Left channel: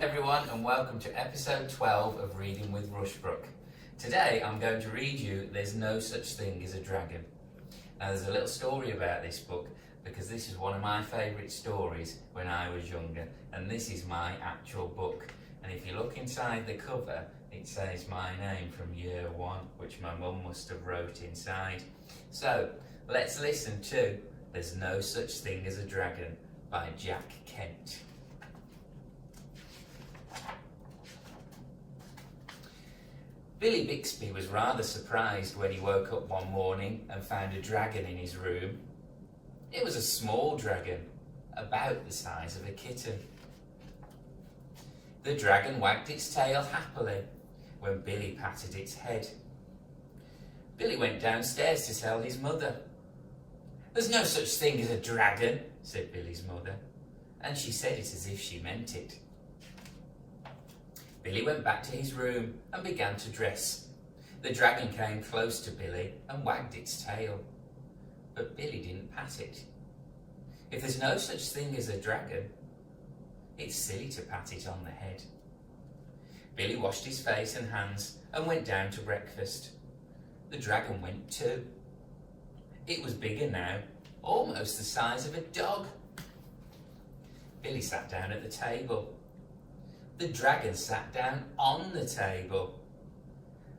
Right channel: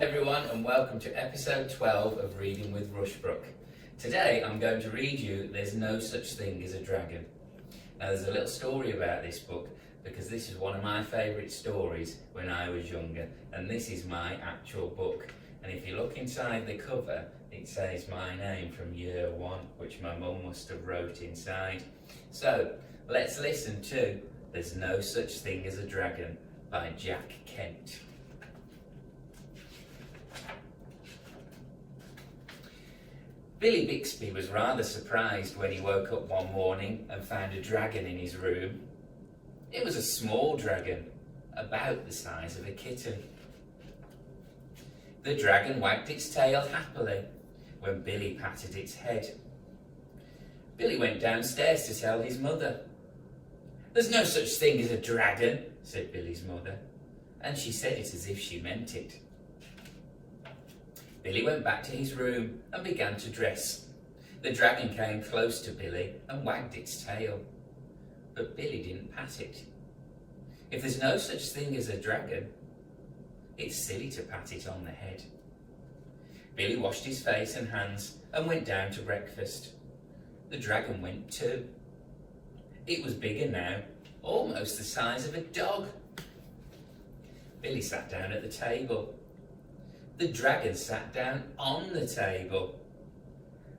Everyone, and welcome to episode 12 of Reading with Rushbrook. Today I'm going to read you There's No Such Thing as a Dragon. Now there's a little story about this book because this is one of my favourite stories when I was younger, and this is my actual book. And if you look inside the cover, it says my name from year 1, which my mum must have wrote inside. So let's listen to There's No Such Thing as a Dragon by Jack Kent. Billy Bixby was rather surprised when he woke up one morning and found a dragon in his room. It was a small dragon, about the size of a kitten. The dragon wagged its tail happily when Billy patted its head. Billy went downstairs to tell his mother. "There's no such thing as a dragon," said Billy's mother, and she said it as if she meant it. Billy went back to his room and began to dress. The dragon came close to Billy and wagged its tail, but Billy didn't pat it. If there's no such thing as a dragon, it's silly to pat it on the head. Billy washed his face and hands and went down to breakfast. The dragon went too. It was bigger now, almost the size of a dog. Billy sat down at the table. The dragon sat down on the table.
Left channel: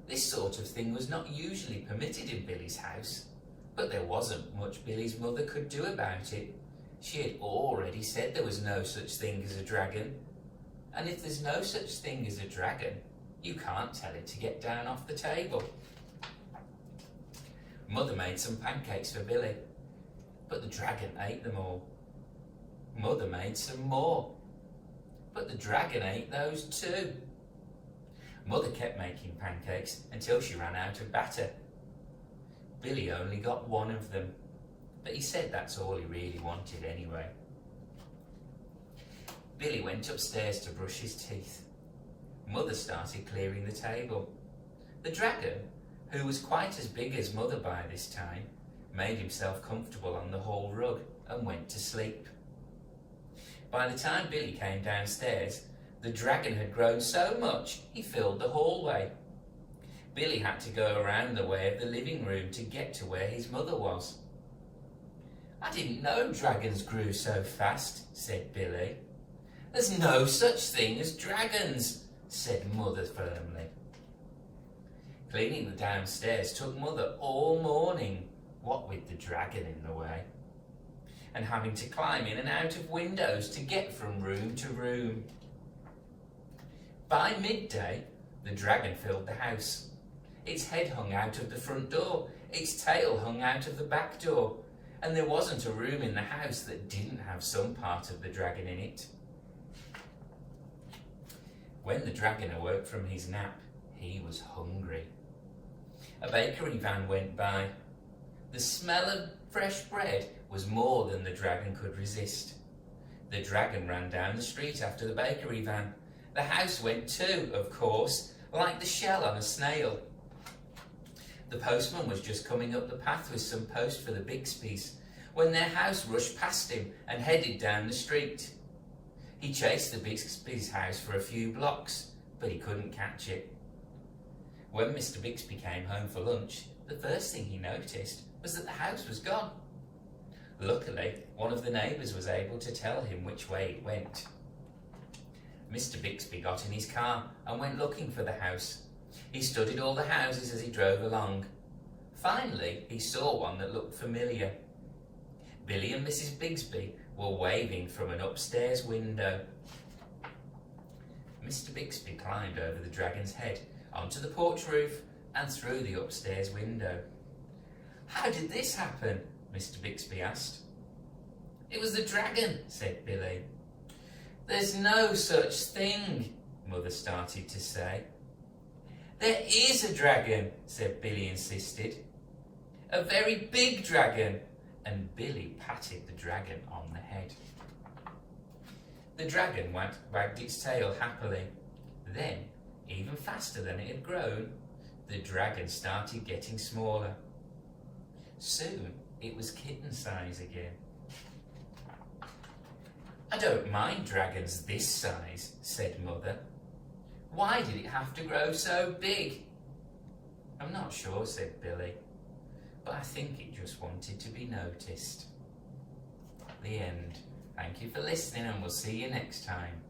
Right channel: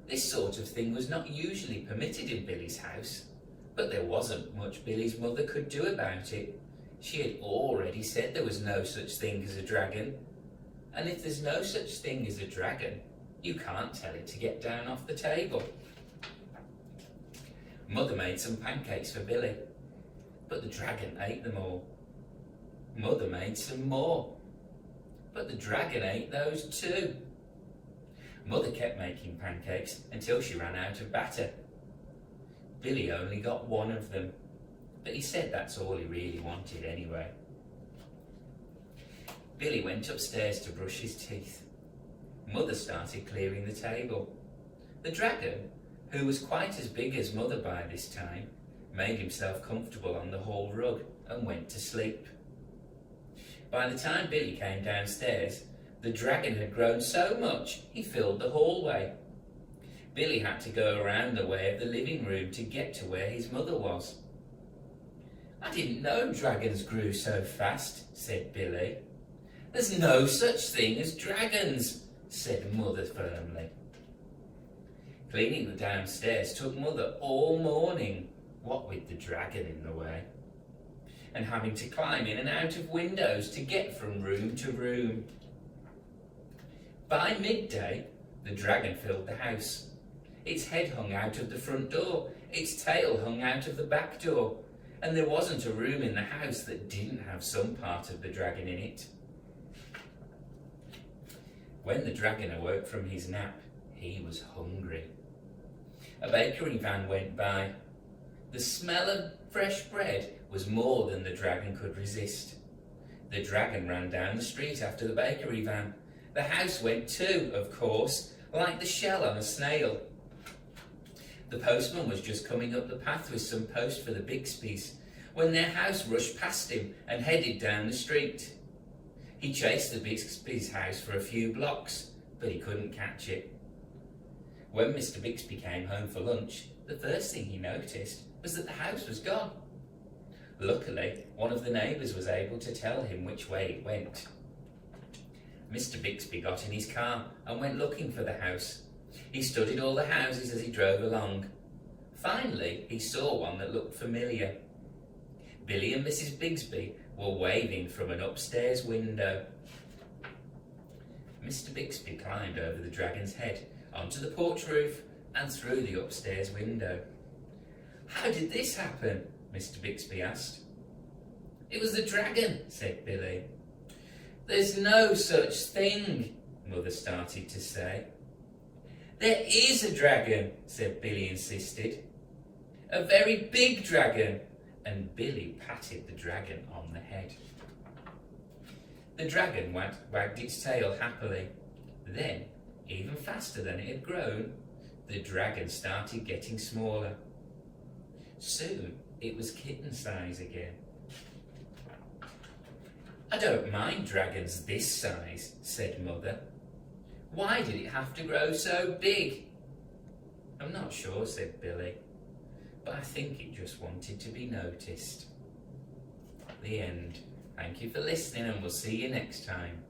This sort of thing was not usually permitted in Billy's house, but there wasn't much Billy's mother could do about it. She had already said there was no such thing as a dragon, and if there's no such thing as a dragon, you can't tell it to get down off the table. Mother made some pancakes for Billy, but the dragon ate them all. Mother made some more, but the dragon ate those too. Mother kept making pancakes until she ran out of batter. Billy only got one of them, but he said that's all he really wanted anyway. Billy went upstairs to brush his teeth. Mother started clearing the table. The dragon, who was quite as big as Mother by this time, made himself comfortable on the hall rug and went to sleep. By the time Billy came downstairs, the dragon had grown so much he filled the hallway. Billy had to go around the way of the living room to get to where his mother was. "I didn't know dragons grew so fast," said Billy. "There's no such thing as dragons," said Mother firmly. Cleaning the downstairs took Mother all morning, what with the dragon in the way, and having to climb in and out of windows to get from room to room. By midday, the dragon filled the house. Its head hung out of the front door, its tail hung out of the back door, and there wasn't a room in the house that didn't have some part of the dragon in it. When the dragon awoke from his nap, he was hungry. A bakery van went by. The smell of fresh bread was more than the dragon could resist. The dragon ran down the street after the bakery van. The house went too, of course, like the shell on a snail. The postman was just coming up the path with some post for the Bixbys when their house rushed past him and headed down the street. He chased the Bixby's house for a few blocks, but he couldn't catch it. When Mr. Bixby came home for lunch, the first thing he noticed was that the house was gone. Luckily, one of the neighbours was able to tell him which way it went. Mr. Bixby got in his car and went looking for the house. He studied all the houses as he drove along. Finally, he saw one that looked familiar. Billy and Mrs. Bixby were waving from an upstairs window. Mr. Bixby climbed over the dragon's head, onto the porch roof and through the upstairs window. "How did this happen?" Mr. Bixby asked. "It was the dragon," said Billy. "There's no such thing," Mother started to say. "There is a dragon," said Billy insisted. "A very big dragon," and Billy patted the dragon on the head. The dragon wagged its tail happily. Then, even faster than it had grown, the dragon started getting smaller. Soon, It was kitten size again. "I don't mind dragons this size," said Mother. "Why did it have to grow so big?" "I'm not sure," said Billy, "but I think it just wanted to be noticed." The end. Thank you for listening, and we'll see you next time.